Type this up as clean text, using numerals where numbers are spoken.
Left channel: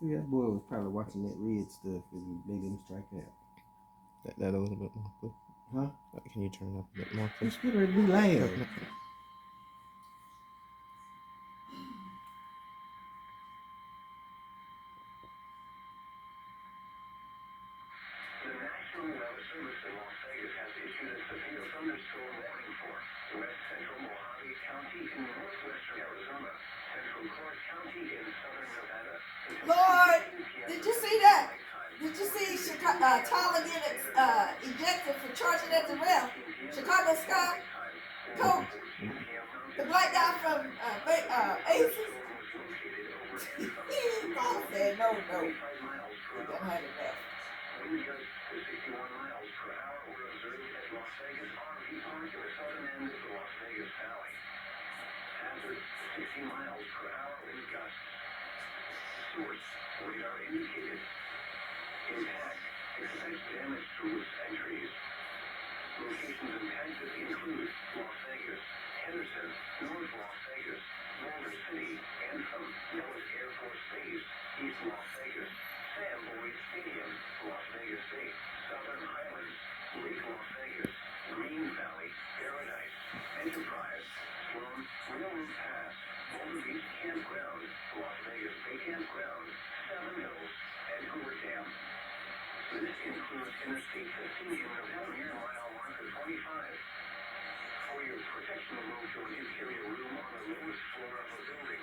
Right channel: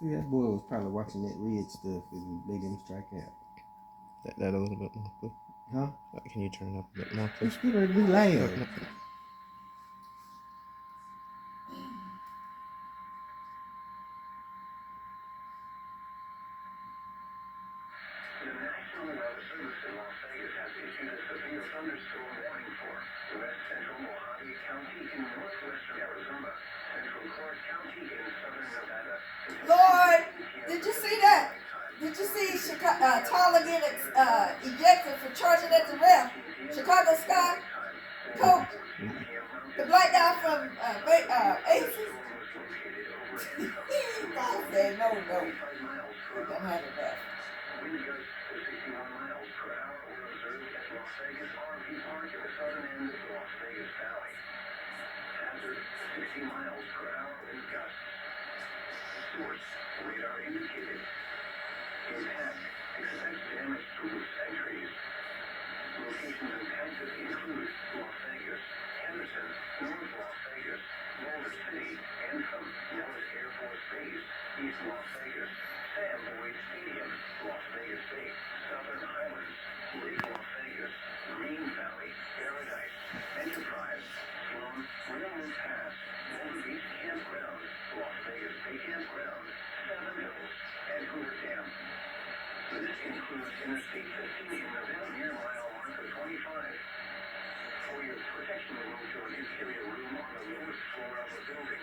See, that boy was probably watching that red stuff and made him strike out. That a little bit more, please. Huh? Can you turn it up a bit more, please? It's getting ready to be loud. No. The National Weather Service in Las Vegas has issued a severe thunderstorm warning for west central Mohave County in northwestern Arizona, central Clark County in southern Nevada. Lord, did you see that? Did you see Tyler get ejected for charging at the rail? Chicago Sky? Coach? The black guy from Aces? I said, no. We don't have it back. Wind gusts to 61 miles per hour were observed at Las Vegas RV Park in the southern end of the Las Vegas Valley. Hazard, 60 miles per hour wind gusts. Source, radar indicated. Impact, expects damage to roofs and trees. Locations impacted include Las Vegas, Henderson, North Las Vegas, Boulder City, Anthem, Nellis Air Force Base, East Las Vegas, Sam Boyd Stadium, Las Vegas State, Southern Highlands, Lake Las Vegas, Green Valley, Paradise, Enterprise, Sloan, Railroad Pass, Boulder Beach Campground, Las Vegas Bay Campground, Seven Hills, and Hoover Dam. This includes Interstate 15 in the near mile marker 25. For your protection, move to an interior room on the lowest floor of the building.